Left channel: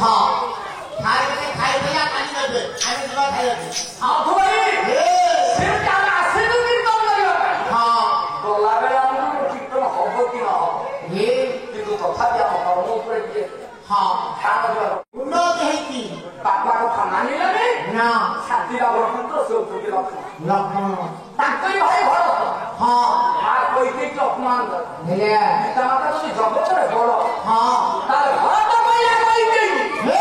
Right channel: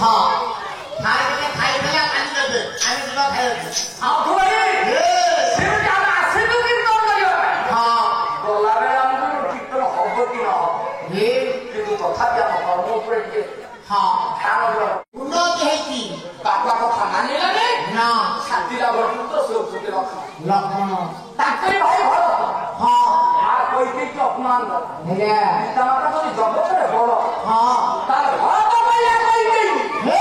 हाँ खाई देला काली देबे आने दिबा खाइबे हां तो भाई से जाना आसे तो कीर्तन करियो भाई हाँ बोला बेला हमको कीर्तन होबो कि ना ये কিন্তু তথাপি ଆମ କର୍ମ ଉପରେ ଟିକେ हाँ ଧ୍ୟାନ ଦେବା उन्नत है की ବାପା କଥା ମାନିଲେନି ना ଶାନ୍ତିଲା ବଟୁତ ସେ ଉଠୁକି ଲକ୍ଷ୍ମଣ लखन ତାଙ୍କରି ଭାଇ ଭରତ हाँ ମା କହିଦେଇକି ଅପମାନ କଲା हेले ପିତା ମାତା ଯଦି ଜଗତରେ ବଳ हाँ ତାହେଲେ ଭରତ କହିଲା କହିଦେଇ हे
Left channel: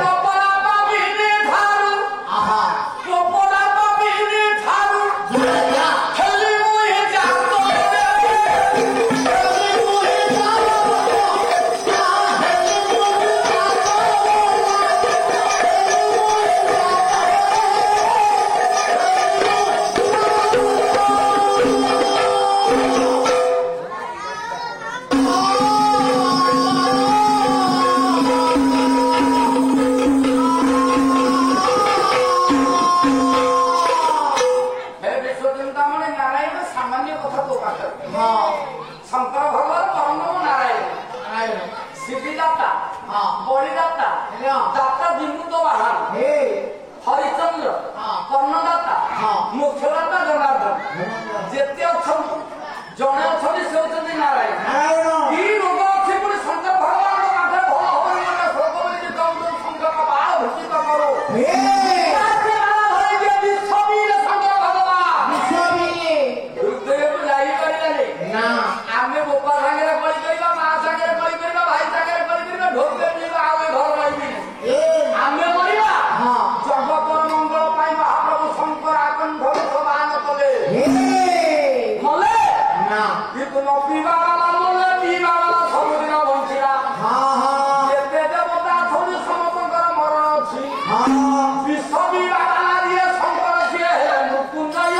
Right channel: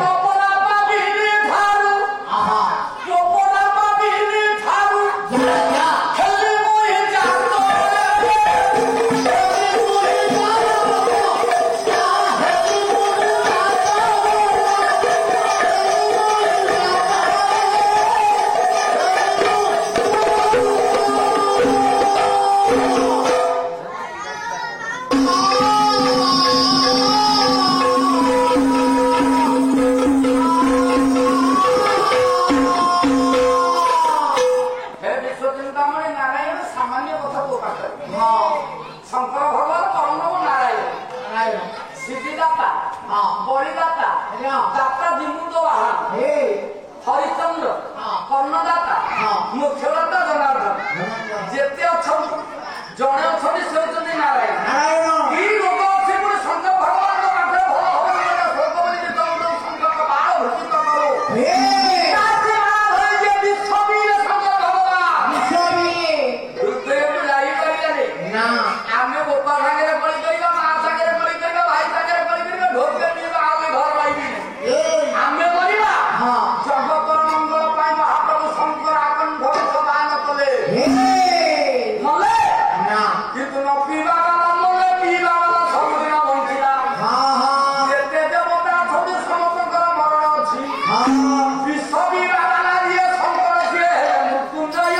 ଗୋପରା ପାବିରେ ଧାରୁ आहा ଗୋପରା ପାବିରେ ଧାରୁ जा जा ହେଲି ମୁଁ ଏ ଜାତ हे विश्वचिंतामणि नारायण सामान्य कथा तो पाखे शंकर भगवान परम नारायण सिद्धिदाता बलिदाता दाता विमुक्त वाहन हे हरिचंद्र हाँ। कर्णदाता हाँ। मुख्यदाता जनार्दन जेते अछंती जणे अछंती से होचंती नारायण नारायण ई रोग अछि पुणी शंकर भगवान पाखे भल हबनि ना स्वर्ग बोली जे तुम शंकर का बाण भूषित करो हे ताके बाण भई जे विश्ववीर शंकर भगवान विश्ववी हृदय जाई परिले ना आमे गोपा सागरे कଳି करिबा मा सागरे कଳି करिबा भाई सागरे कଳି करिबा ढोल के पीबा आगे घर लाइबी हे आमे मरिबा हाँ जगत मंगल पाई महाप्रभु शंकर आकंठ समान कले हे मले ना किंतु न पीबा वाला मले पीबा वाला सबदिन बंचिला हाँ हाँ जेते देवता छबि समस्तଙ୍କର ମରଣ ଅଛି हाँ ବିଶ୍ୱବୀର ନାରାୟଣ ଶଙ୍କର ସିଏ ମୃତ୍ୟୁଞ୍ଜୟ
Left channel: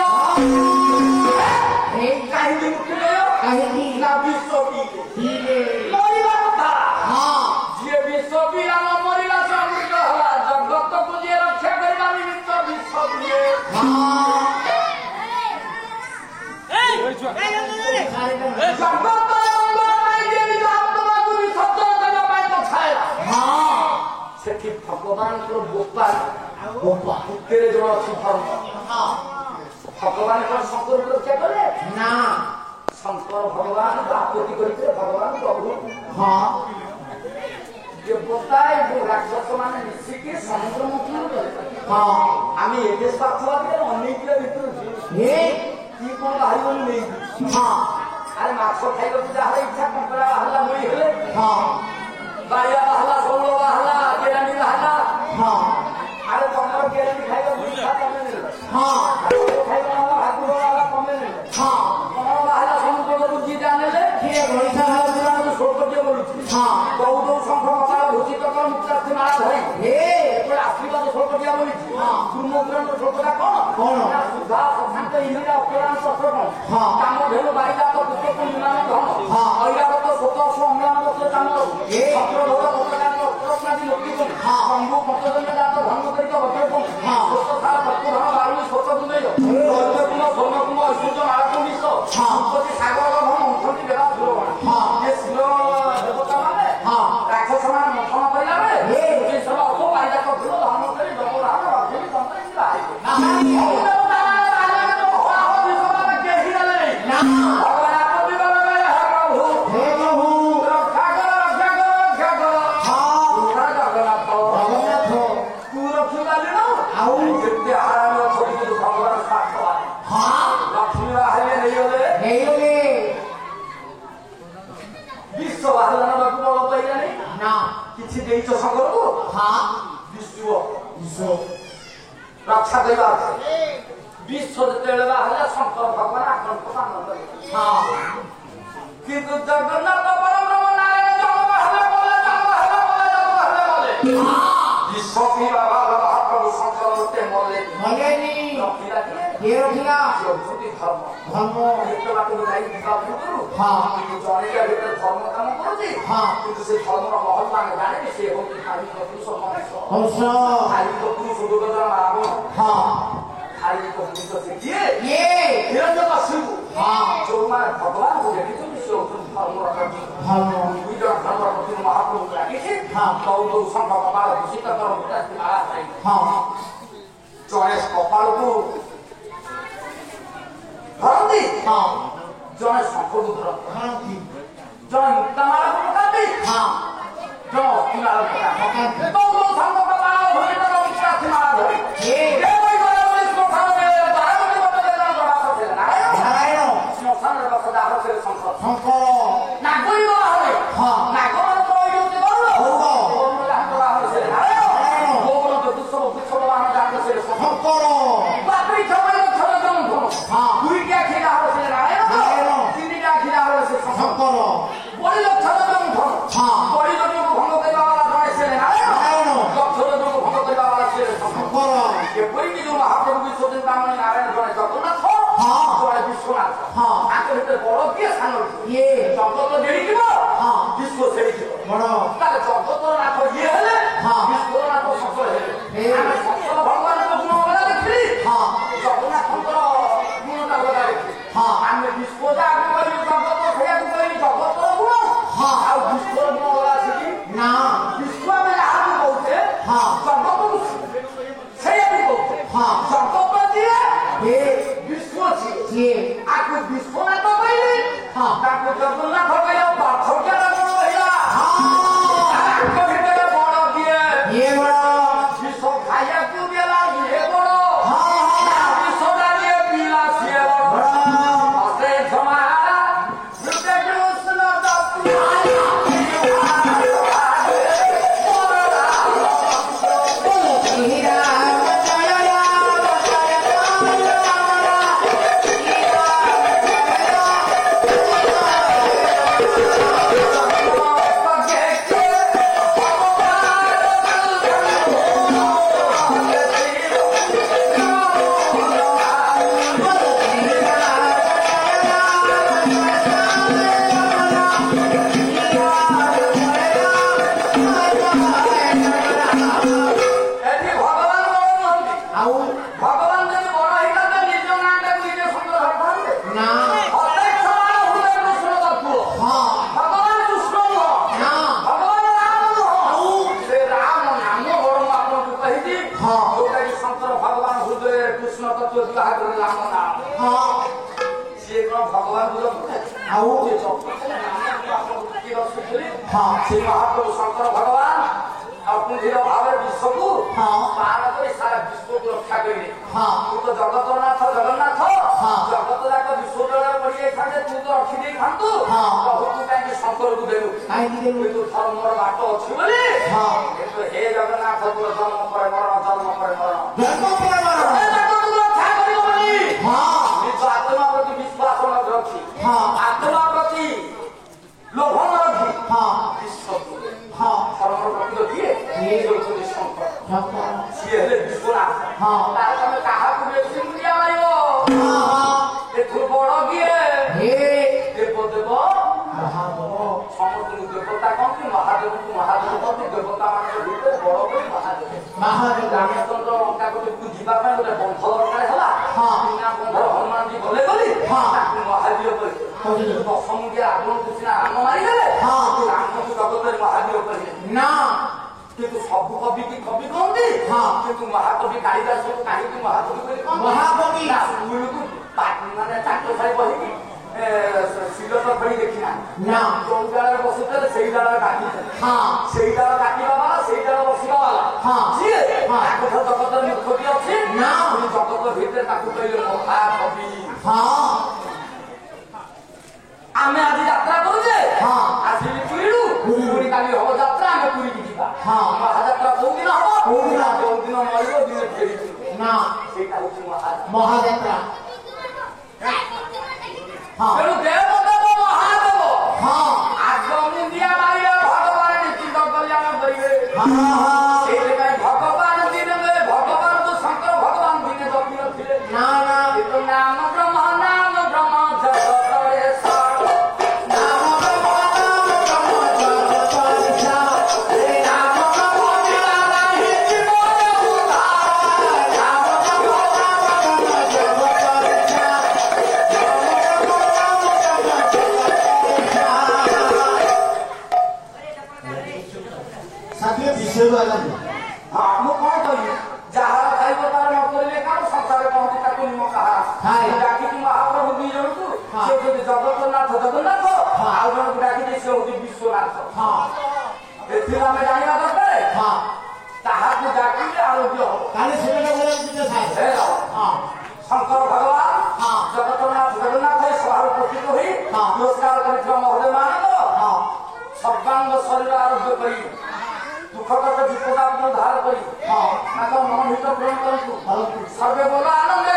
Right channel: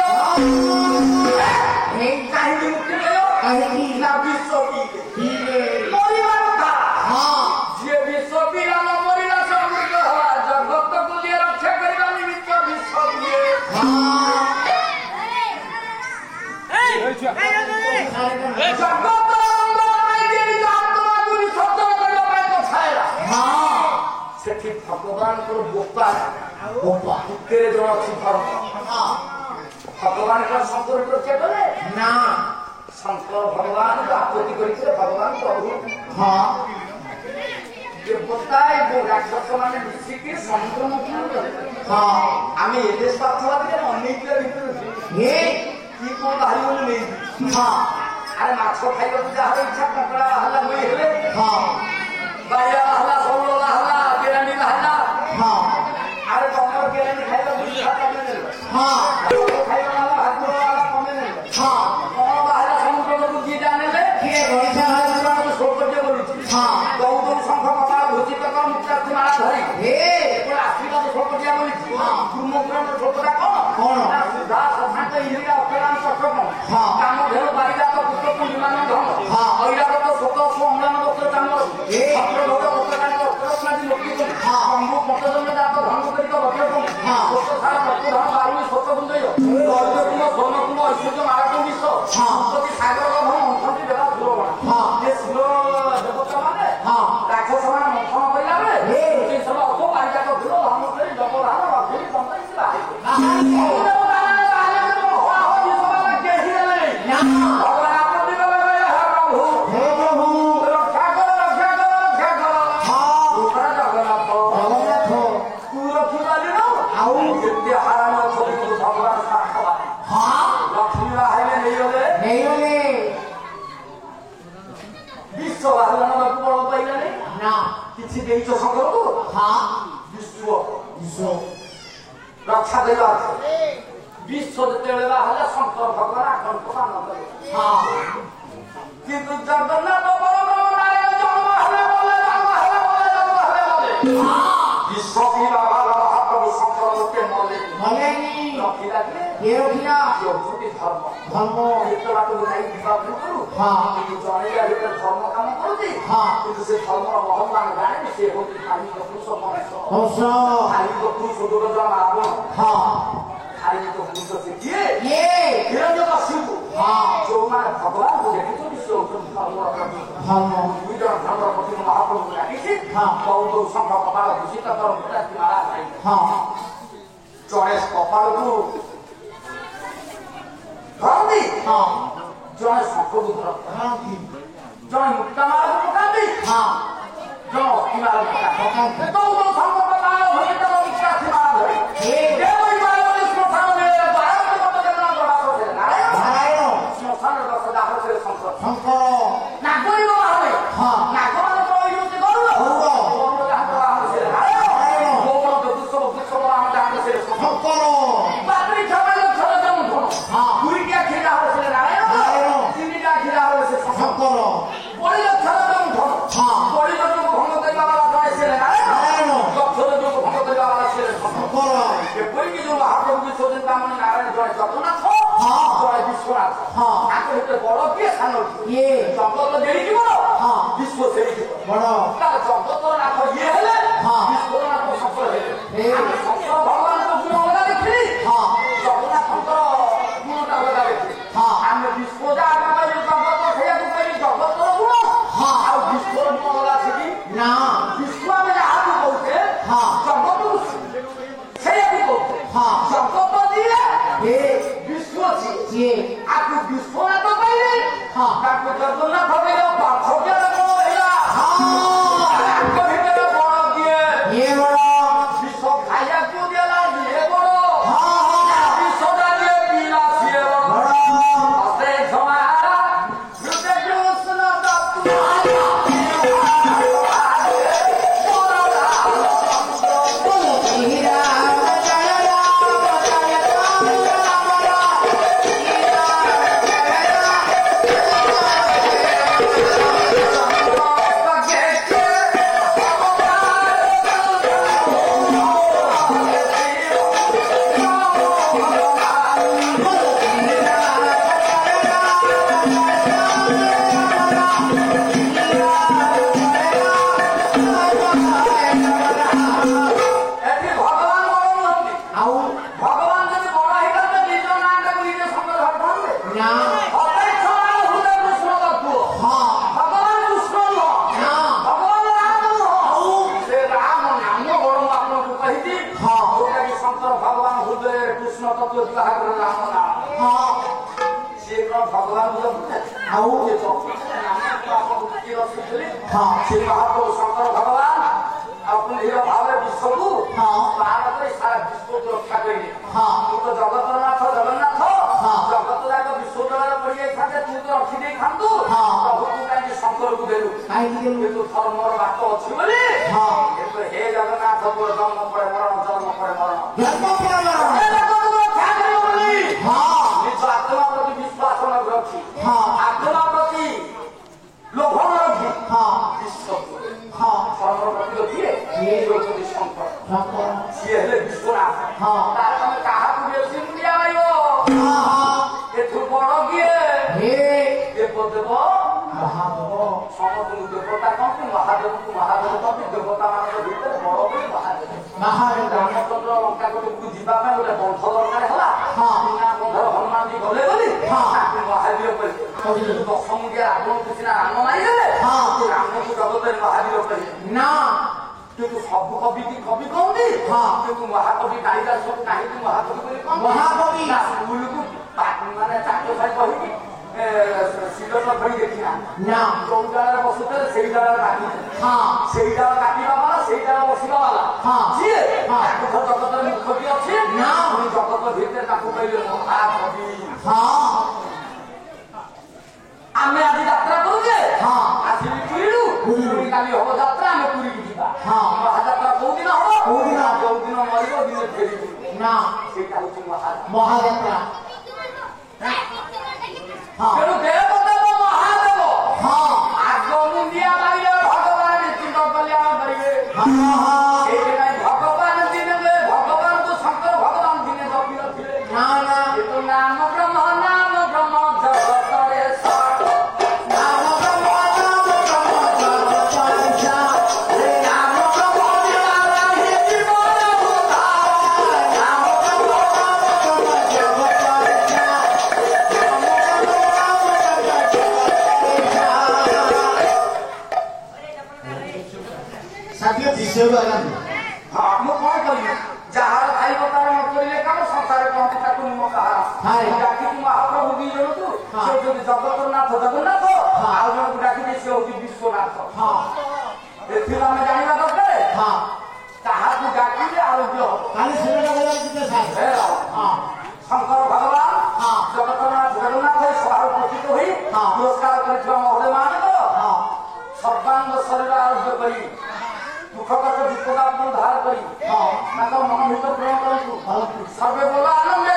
हे କାହିଁକି ମୃତ୍ୟୁଞ୍ଜୟ कहीं ନା ବିଶ୍ୱବୀର हीरे ମରିବା କଥା हाँ ଯିଏ ବିଶ୍ୱବୀର ନ ମରିଲା ସେ ଅମୃତ ହେଲା ଜଗତକୁ ଯିଏ ରକ୍ଷା କରିବା ନିମିତ୍ତ ବିଶ୍ୱବୀର हाँ ଜଗତ ମଙ୍ଗଳ ପାଇଁ ଯିଏ ନିଜ ଆତ୍ମାକୁ ବିସର୍ଜନ କରିବା ପାଇଁ ପଛାଇଲା हाँ ସେଠି ଭଗବାନଙ୍କର ଗୋପାଳ गोपा ଭିତରେ ଜଣେ ଅଛି ଧର୍ମ हाँ ଭଗବାନ କଣ ଶଙ୍କରକୁ ରକ୍ଷା କଲେ ना ଶଙ୍କର ଭଗବାନଙ୍କୁ ଆପତ୍ତି କରିଥିଲେ ଭଗବାନ ପ୍ରଭୁ हाँ ଦେବତା ଏବଂ ରାକ୍ଷସ ମାନେ ମିଶିକି ସମୁଦ୍ର ମନ୍ଥନ କଲେ हाँ ଆମେ ଏବେ ସ୍ୱାର୍ଥବାଦୀରେ ଅନେକ ଭିତରେ ये କି କଣ ବାହାରିବନି ନେଇକି हाँ ଆରେ ମାଛ ଖାଇବାକୁ ଯାହାର ଇଚ୍ଛା କଙ୍କଡ଼ା ବାହାରିଲା ମୁଇ ହେଲେ हाँ ବାଇଆ ବାହାରିଲା ଶଉଳ ବାହାରିଲା କେରାଣ୍ଡି ବାହାରିଲା हाँ ଆରେ ତମର କେରାଣ୍ଡି ଖାଇବାକୁ ଇଚ୍ଛା ତମେ ନେଲ हाँ ଖାଇବା ବାଲା ଭାକୁର ବାଲା ତମେ ନେଲ हाँ କଣ ବାହାରିଲା ସମୁଦ୍ରକୁ ଦିଟା ନେଲେ किए गोइठा ସୌକର୍ଯ୍ୟ କରୁଛି हाँ ଦଉ ଦଉ ଶଙ୍ଖ କପାଳ ଭୂଷିତ ମୁକ୍ତାର୍ଥୀ ମାଳା ଧରି हे ଆଶୀର୍ବାଦ ସୌକର୍ଯ୍ୟ କରୁଛି ହଁ। ଗୁରୁମନ୍ଦିରର ସୌକଟା କଣ କଣ? ନା ସୁଧା ଶଶାଙ୍କ ଇନ୍ଦ୍ରିୟ ଅପରାନ୍ତ ଅଷ୍ଟକ ହଁ। କାମ ଧେନୁ ବାରିଜାତ ପୁଷ୍ପକୁ ବିମାନ ଧନ ହଁ। ଐରାବତ ଶୋକ ଅମ୍ଳାନ ବସ୍ତ୍ର ଚାମର ଏ। ଛତ୍ର ଗୌର ବସ୍ତ୍ରକାରୀ ଅସ୍ତ୍ରସ୍ନାଦି ମୁକ୍ତି କରି ହଁ। ଶମ୍ଭୁ ପଞ୍ଚଜନ୍ୟ ଜାତ ଧର୍ମକରିତ ବଜ୍ରକମ୍ ହଁ। ସ୍ୱଚ୍ଛସାର ରକ୍ତଧନ ବାରୁଣୀ ସ୍ୱଚ୍ଛ କୁଣ୍ଡୟ ଐର୍ଯ୍ୟକୁମ ସ୍ୱର୍ଣ୍ଣକୁମ ଐଶ୍ୱର୍ଯ୍ୟ ମାଳକୁଣ୍ଡିଶ ହଁ। ସମ୍ପତ୍ତି ସାଗର ଧନ ଅଣ୍ଠନ୍ତି ଦେବା ସୁରବଣ ହଁ। ଏ ସୁର ଦେବତା ମାନେ ହଁ। ରାକ୍ଷସ ମାନେ ମନ୍ଥନ କରିଲା ବେଳେ ଏ। ଏ ସବୁ ଅଳ୍ପ ବାରିଜାତ ଫୁଲ ଧର୍ମ କରି ଜଗରାମ ରଘୁରୀ ତନ୍ତ୍ର କିଛି ବାହାରିବେ ବାହାରିବେ। ସବୁ ଦେବତା ମାନେ ବାହାରିଲେ ତ ହଳାହଳି ସେମାନେ କେହି ନେଲେ ନା ଭଗବାନ ଆପତ୍ତି କଲେ କହିଲେ, ହେ ପ୍ରଭୁ हे प्रभु ରକ୍ଷା କର ରକ୍ଷା କର ରକ୍ଷା କର हाँ ତୁମର ଜଗନ୍ନାଥ जगन्नाथ ତୁ ରଖିପାରିଲ ଆଉ କେତେ ହାରାମ ଅଛନ୍ତି ଭଗବାନ ସାକ୍ଷାତ हाँ ଲକ୍ଷ୍ମୀ ବାହାରିଲେ ନେଇଗଲେ नहीं होगे ବିଶ୍ୱ ବାହାରିଲା ନେବାକୁ ବଳ ପାଇଲାନି ना କିଛି ଦେଇଛ ଶଙ୍କରକୁ हाँ ବିଶ୍ୱ विश्व ରକ୍ଷା ଦେବା ବିଶ୍ୱ ଯେତେବେଳେ ବାହାରିଲା ଶଙ୍କର ଭଗବାନ ଆକଳ୍ପ ପାଳନ କଲେ हाँ କିନ୍ତୁ ଜଗନ୍ନାଥ ପରବ୍ରହ୍ମ ନାରାୟଣ ଜନ୍ମ ହେଲେ ବଲେ ଜନ୍ମ ହେଲେ ବଲେ ଜନ୍ମ ହେଲେ ବଲେ ବିଶ୍ୱ ବାବାର ମହାପ୍ରଭୁ ଶଙ୍କର ଲୋକେ ମଲେ भले नहीं ରଖିଲା କିଏ ये रखिया ଯୋଉଠି ଧର୍ମ धर्म ଏତେ ବାଟକୁ ଯାଇ ଯିବା ପୂର୍ବରୁ ହଁ। କିନ୍ତୁ ଜଣେଇବା ଭିତରେ ଧର୍ମ କାମ କରୁଛି ହଁ। କିନ୍ତୁ ସେ ଧର୍ମର ମହଲ ମାନେ ଜାଣିନି ସେ ହଉଛି ଧାର୍ମିକ ପୁରୁଷ ମଣିଷ हंस ଧାର୍ମିକ ପୁରୁଷ ଦୁର୍ଗୋଧନ ରାବଣ हाँ ଧାର୍ମିକ ପୁରୁଷ ସେ କିଏ ये ହିରଣ୍ୟକଶିପୁ हाँ ଯୋଉମାନେ ଭଗବାନଙ୍କୁ ଦେଖିଛନ୍ତି ସେ ହଉଛନ୍ତି ଧର୍ମର ପ୍ରତୀକ। धर्म ଦୁଇ ଜଣ ଧର୍ମ ପ୍ରତି ମହାପ୍ରଭୁଙ୍କୁ ଲାଗିଛି ବହୁତ ଶଙ୍ଖ କପାଳ ଦୂଷିତ କର ଜଣେ କପାଳକୁ ଧରନ୍ତି ଜଣେ ଶଙ୍ଖକୁ ଧରନ୍ତି ଜଣେ ମୁକ୍ତାମାଳକୁ ପକାନ୍ତି ଜଣେ ଅସ୍ଥିମାଳକୁ ପକାନ୍ତି ବହୁତ ଶଙ୍ଖ କପାଳ ଧୂଷିତ ମୁକ୍ତାମାଳ ଧରି ଏପରିକି ଯୋଉ ମହାପ୍ରଭୁ ବିଶ୍ୱଜିତ ନାରାୟଣ ଜଣେ ଜଗନ୍ନାଥ ଜଣେ ବିଶ୍ୱନାଥ ତାଙ୍କ ଭିତରେ ବଡ କିଏ ସାନ କିଏ ଜଗତ ଦେଡ଼ିକି ବଡ ବିଶ୍ୱ ସେଡ଼ିକି ବଡ ତାର ଜଗତର ନାଥ ଇଏ ହେଲେ ବିଶ୍ୱର ନାଥ ସଫଳ ହେଲେ ଆମେ ସଫଳ ଭଗବାନଙ୍କ ଗୁଣ ଅଲଗା ଦେଖିଲି ଜଗନ୍ନାଥଙ୍କ ଗୁଣଟା ଅଲଗା ଦେଖିଲି ଆମେ ବିଶ୍ୱ ଯାହା କହିଲୁ ଜଗତ ସେଇଆକୁ କହିଲି ଜଗତର ଗୁଣ ଆଉ ବିଶ୍ୱର ଗୁଣ ଅଲଗା ଅଛି ନା ବିଶ୍ୱ ଆମେ ଯାହାକୁ କହୁଛେ ଜଗତକୁ ସେଇଆକୁ କହୁଛେ ଜଗତ ଯିଏ ବିଶ୍ୱ ଯିଏ ଆକୁ ବିଶ୍ୱନାଥ କହିଲେ ତାକୁ ଜଗନ୍ନାଥ କହିଲେ ପାର୍ଥକ୍ୟର କଣ କହିଲା ତାଙ୍କ ଭିତରେ ବଡ କିଏ ବଡ ବିଶ୍ୱ ଖାଇବାକୁ ଦେଲା ଇଏ ବଡ ବିଶ୍ୱଟା ଯିଏ ପିଲା ସିଏ ବଡ ଅସେ କ୍ଷମା ସେ ମହାପ୍ରଭୁ ଶଙ୍କର ଭଗବାନ ଆଉ କୁମ୍ଭୀର ଭାବରେ ବିଶ୍ୱକୁ ପାର କରି ସାରା ବିଶ୍ୱକୁ ରକ୍ଷା କରିଲେ ତୁ ତ ଜଗତର ନାଥ ଜଗନ୍ନାଥ ଜଗତ ଯାକ ବିଶ୍ୱ ଜଗତ ପଡିଯାଇଥାନ୍ତେ ତୁ ତ ରଖିଦେଇଥାନ୍ତୁ ପ୍ରଭୁ ତୁ କାହିଁକି ଶଙ୍କରକୁ ଦେଲୁ କିନ୍ତୁ ଧର୍ମର ବାଟ ଅଛି ବୋଲି କିନ୍ତୁ ହେ ଜଗନ୍ନାଥ ତୋ ଜନ୍ମ ପରେ ମରଣ ଜନ୍ମ ପରେ ମରଣ ନିଜ ଆତ୍ମା ପ୍ରତି ବିଶ୍ୱାସ ମଧ୍ୟ ଅଛି ଆତ୍ମା ପ୍ରତି ଲୋଭ ରଖି ଧର୍ମର ପ୍ରକୃତ କିଏ ହେଉଛନ୍ତି ଶଙ୍କର ସିଏ ହେଲେ ବିଶ୍ୱନାଥ ତାର ତମେ କାହାକୁ ବେଶୀ ମୂଲ୍ୟ ଆଣିବ ଏଠୁ ବଡ କିଏ ଦେବ ଦେବ ସମସ୍ତଙ୍କୁ ଦେବତା କହନ୍ତି ମହାଦେବଙ୍କୁ ମହାଦେବ କହନ୍ତି ଦେବତା ମାନଙ୍କ ଭିତରେ ବଡ ବୋଲି ମହାଦେବ ରାମଚନ୍ଦ୍ର ଲଙ୍କା କୋଟିକୁ ଯିବା ପାଇଁ ଗୋଟେ ବନ୍ଧ ଦରକାର ହେଲା ବିନା ବନ୍ଧର ହନୁମାନଜୀ ଗଲେ ବୋଲି ତାକୁ ମହାବୀର କହିଲେ ଦଶମୁଣ୍ଡିଆ ରାବଣକୁ ସିନା ରାମ ମାରିଦେଲେ ରାମକୁ ଜଗତରେ ମହାବୀର କହିଲେ ନା କିନ୍ତୁ ସବୁ କବି କି କବି କହନ୍ତି କିନ୍ତୁ ମହାକବି କାଳିଦାସକୁ କାହିଁକି ମହାକବି ବୋଲି ମହାକବି ସ୍କୁଲକୁ ମାନେ ଚାଟ ଛାଇ କହିକି ଶିଲଟ ଧରି ଦେଖିନା ଯୋଉ ଡାଳରେ ବସୁଥିଲେ ସେଇ ଡାଳରେ କାଟିଥିଲେ ସେଇ ଡାଳ କାଟିବା ବାଲା ସେଇ ଡାଳ ବସିବା ବାଲା ଯିଏ ତାଙ୍କ ଜଗତରେ ମୁଖ୍ୟ ବି ଅଛି ଜଗତ ଭିତରେ ତାକୁ କହିଲେ ମହାକବି ଆମେ ଆଜି ଯାତ୍ରା କରୁଛେ ଆସିଲି ପୁରୀରୁ ପୁଣି କାଲି ହବ ଯାତ୍ରା ଆମେ ପୁରୀକି ଯିବା ମହାଯାତ୍ରା କୋଉ ଦିନ ହବ ଯୋଉ ଦିନ ମରିବ ଦିନେ ଫେରିବୁ ସେଇଟା ହଉଛି ମହାଯାତ୍ରା ତେଣୁ ଦେବତା ମହାଦେବ ଆଗ ମୁଣ୍ଡିଆ ମାରିଲେ ଭଗବାନ ନିଶ୍ଚିନ୍ତ କଲ୍ୟାଣ କରିବେ ସେଇଥିପାଇଁ ଭଗବାନ ଦିନେ ଭଗବାନ ତ ଶଙ୍କର ଭଗବାନ ଦିନେ ଜପି ନଥିଲେ ନାମ ବ୍ରହ୍ମ ଜଗତରେ ଟିକେ ବିଷୟରୁ ଆଗନ୍ତି ହଁ ମୁଁ କଣ କଲି ଯାହାର ଖାଇବ ତାର ନ କରିଲେ କାମ ସଂସାରରେ କହନ୍ତି ତାକୁ ନିମ କାହା ଡାକିଛି ମହାପ୍ରଭୁ ଦି ଜଣକୁ ସେ ହଉଛନ୍ତି ଜଗତନାଥ ଜଗନ୍ନାଥ ଆଉ ଜଣକୁ ଡାକିଛି ସେ ହଉଛି ବିଶ୍ୱନାଥ ଏଥିରୁ ଆମେ ଜାଣିବା ଦରକାର ତାହାକୁ ଡାକିଲେ ଆରୋଗ୍ୟ ହବ ତାହେଲେ ସେଟା ଶଙ୍କର ଭଗବାନ ଜଗତନାଥ ଜଗନ୍ନାଥ ଏ ସଭାରେ ଉପସ୍ଥିତ ହୋଇ ପୁରସ୍କାର କରିଥିବା ମହୋଦୟ ମାନଙ୍କ ସର୍ବାଙ୍ଗ ଶରୀର ଆରୋଗ୍ୟ କରି ଦୁଃଖଗତ ବିପଦାକୁ ଉଦ୍ଧାର କରି ତାଙ୍କ ମନ ଭିତରେ ପ୍ରେମ କରନ୍ତୁ ସର୍ବେ ବୋଲ ଆନନ୍ଦ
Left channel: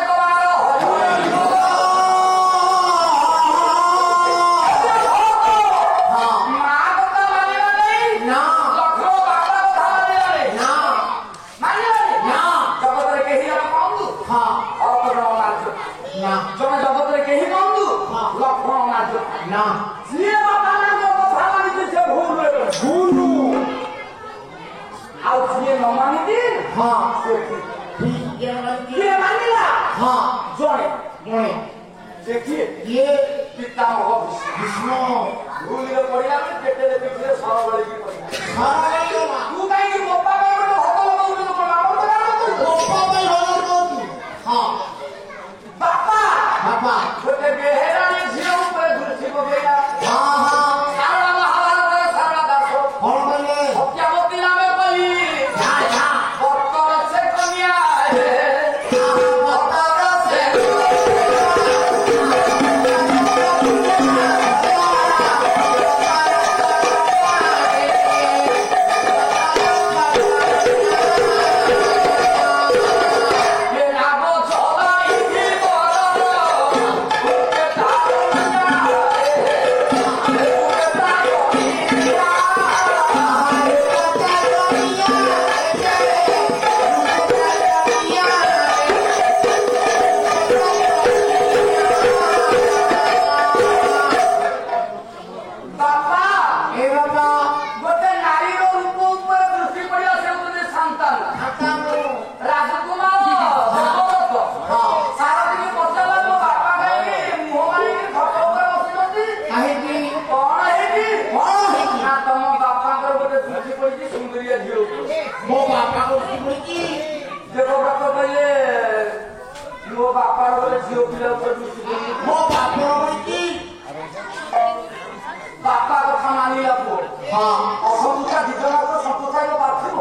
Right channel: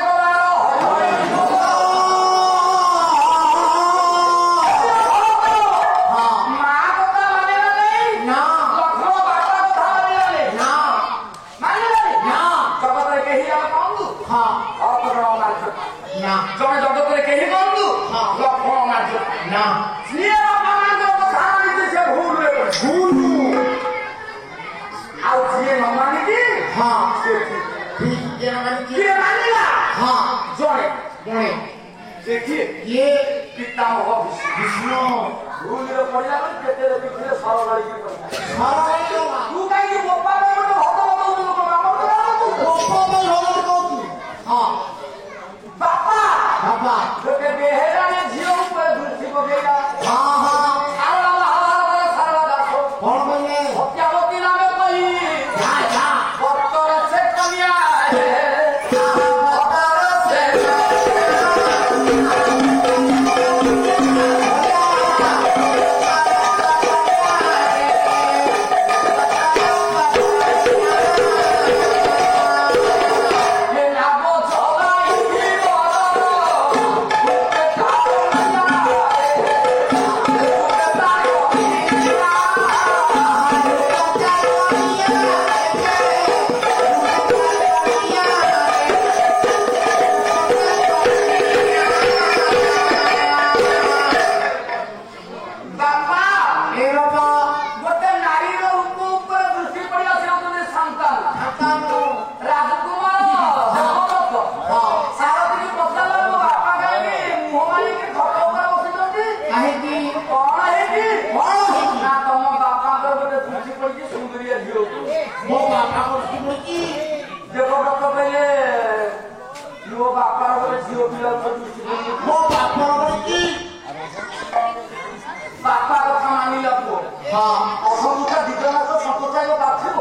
ଜଣେ ଜଗତରେ କେହି ବନ୍ଧୁ ଲକ୍ଷ୍ମଣ ମାର୍ଜ ନା ଯିଏ ବାପାମାନଙ୍କ କଥା ମାନିଛି ସେ ଭୁଲ ଆଉ ଯିଏ ନ ମାନିଛି କିଏ ମାନିଲା ଜଣେ ଦେଖିଏ କିଏ ପିତାମହ ବିଷ୍ଣୁ ଭୁଲରେ ପଡ଼ିଲା ବେଳେ କେତେ ଦେଖିଲେ ସରଳ କରିକି ପଡ଼ିଲା ତୁ କାହିଁକି ବୋପା ଗୋଟେ ହତ ବାପା ଗୋଟେ ବେହେରାରେ ଝିଅ ଉପରେ ଦୃଷ୍ଟି ପକେଇଲା ସାରଳା ମହାଭାରତରେ ସାରଳା ଦାସ କଣ କଲେ ସତ୍ୟାବତୀ ନାମେ କହି ବର୍ତ୍ତର ସେ କନ୍ୟା ବାପା କଥା ମାନିଲା ପୁଅ ଅସନ୍ତୁଷା ଦିଜନାଥ ସନ୍ତୁଷାୟ ପାର୍ଥିବ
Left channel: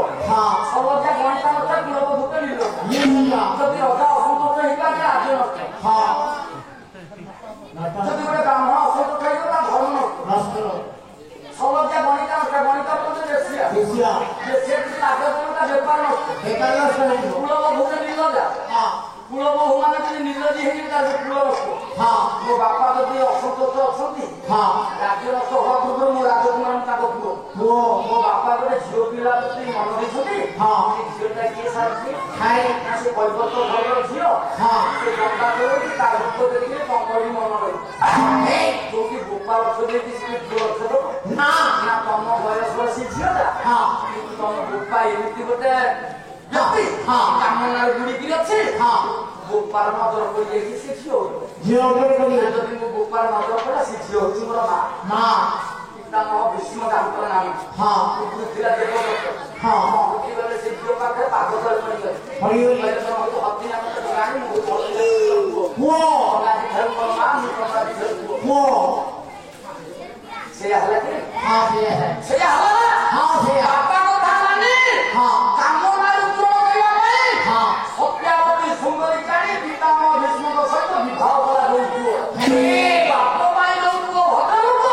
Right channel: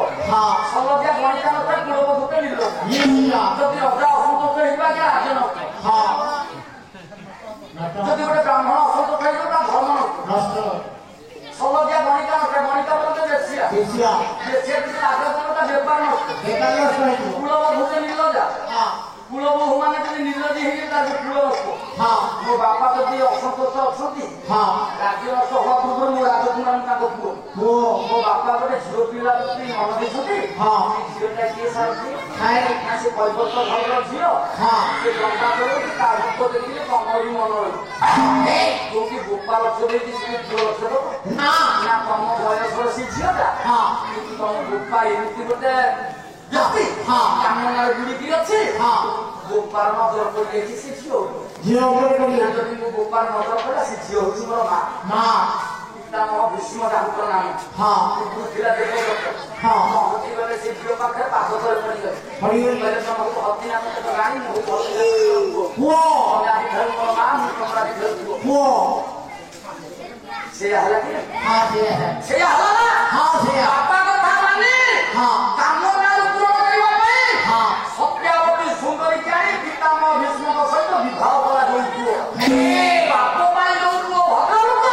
ସଲଜ୍ଞା ଗଣିତା ନଥାଏ କୁଳବ ଭୂତେ ନିର୍ଲଜ ଯଦି ରଜା ଅସନ୍ତୁଷ୍ଟ ହେଇଯିବା କି ରାଜ୍ୟ ନଷ୍ଟ ଯଦି ଗୋଟେ ବ୍ରାହ୍ମଣ ଅସନ୍ତୁଷ୍ଟ ହେଇଯିବ ତା ଧର୍ମ ନଷ୍ଟ ସଲଜ୍ଞା ଗଣିତା ନଥାଏ ଗଣିତା ବୋଲେ ଦେଶିଆ ଯଦି ରାଜ୍ୟ ତା ବେପାର ନଷ୍ଟ କୁଳବ ଭୂତେ ନିର୍ଲଜା କୁଳବହୁ ମାନେ ଯଦି ନିର୍ଲଜୀ ହେଇଯିବେ ତାହେଲେ କୁଳବସ୍ତ ମୋ ବାପା ଯଦି ଅସନ୍ତୋଷ ଅଛନ୍ତି ରାଜ୍ୟ ନଷ୍ଟ ହବା ପୂର୍ବରୁ ମୋ ରାଜକୁମାର ତାଙ୍କ ପୁଅ ମୋ ବାପା ଗୋଟେ ଝିଅ ପିଲା ଯଦି ମନ ଦେଇଛନ୍ତି ଝିଅଟା କିଏ ସାରନ୍ତି ସେ କୈବର୍ତ୍ତ ଘରର ଝିଅ ସେ ଜନ୍ତା କରନ୍ତି ତା ଭକ୍ତ ଦେଖିଲେ ତମର ବି ମନ ରହିବ କୋଉଠି ଗୋପା ଲକ୍ଷ ଦେଇଛି ସେ ଝିଅ ଲକ୍ଷ ନା ତମ ବୟସର ସେ ଝିଅଟା କିନ୍ତୁ ତମ ଗୋପା ଏମିତି ଗୋଟେ କାମନାରେ ବୁଡିକି ଅଛି ଗୋପାର ନଜର ପଡିଯାଇଛି ସେ ଝିଅ ଯଦି ମୋ ଗୋପାର ନଜର ପଡିଲା ସେ ଝିଅ ହଉଛି ମୋର ମା ପିତାମହ ଭୀଷ୍ମ ତାଙ୍କର ନାମ ପୃଥିବୀରା ଦେବଦତ୍ତ ଗଲେ ସେ ଝିଅ ପାଖରେ ପାଗ ତଳେ ପଡିଗଲେ ତମକୁ ହତି ନାମ ଜାଣି ମୁଁ ମା ମୁଁ ସମ୍ରାଧି ପୁଅ ସେଇଆ ହେଲା କି ସେଇଆ ହେଲା ନା ବାପା କଥା ମାନେ କାମନାରୁ ପୂରଣ କରିବା ପାଇଁ ସତ୍ୟାବତୀ ସୁନ୍ଦରୀ ଜାଣି ପିତାମହ ଭୀଷ୍ମଙ୍କ ସହିତ ବିବାହ କଲା ଯୋଉ ପୁଅ ବାପ ପାଇଁ ଯୋଉ ପୁଅ ଭଦ୍ରଲୋକ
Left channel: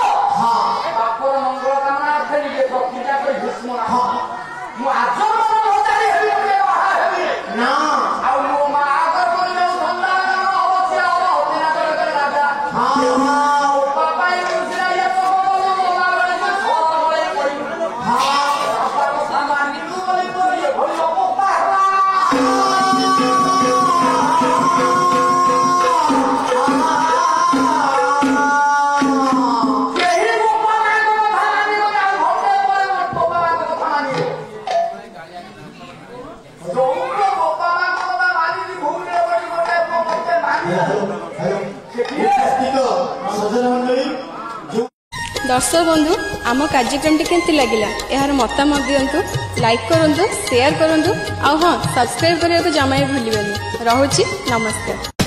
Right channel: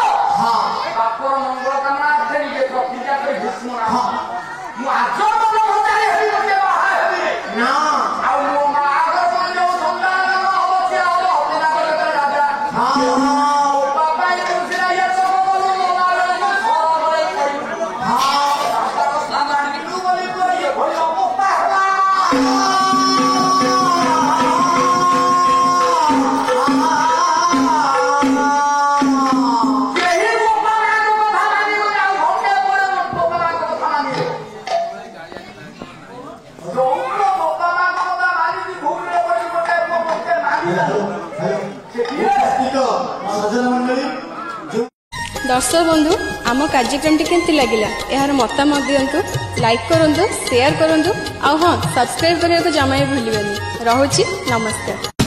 ବାପର ମଙ୍ଗଳ କାମନା ଅର୍ଥେ ନିଜେ ପ୍ରତିଜ୍ଞା କରି ଭୀଷ୍ମ ନାମ ମୁଁ ଆଜନ୍ମ ଭଣ୍ଡାରୀ ହେବି ଗୋଟେ ବାହା ହେବି ନା ଆଉ ମୋ ମା ଆଗର ପାଇଁ ଯୋଉ ସନ୍ତାନ ଜନ୍ମ ହବ ସିଏ ହବ ହତିନା କରି ରାଜା ବାପା ପାଇଁ ସିନା ଇଏ ସବୁ କଲୁ ମୋ ମା ବେଳେ ଫଳ ଭଳି ପଡିବୁ ବାପା କଥା ମାନିଲୁ ବୋଲି ଇଏ ଭଳି ଅବସ୍ଥା ହେଲା କେହି ବାପା ମାଙ୍କ କଥା ମାନିବ ନା ଘଣ୍ଟେ ପରେ ବାପା ମାଙ୍କ କଥା ମାନିବ ଯୋଉ ବାପା ମାଙ୍କ କଥା ମାନିକି ଭୁଲରେ ପଡି ଗୋଟେ ମୋତେ ମାନିବ ସଜ୍ଜନ ମଣ୍ଡଳୀ दर्शक बंधु आम कार्यक्रम केमती लगिला यार मतामत दिंतु लाइक करूँ शेयर करूँ आ हाँ सब्सक्राइब करने को जमा भी भूलिए। रहुची नमस्कार।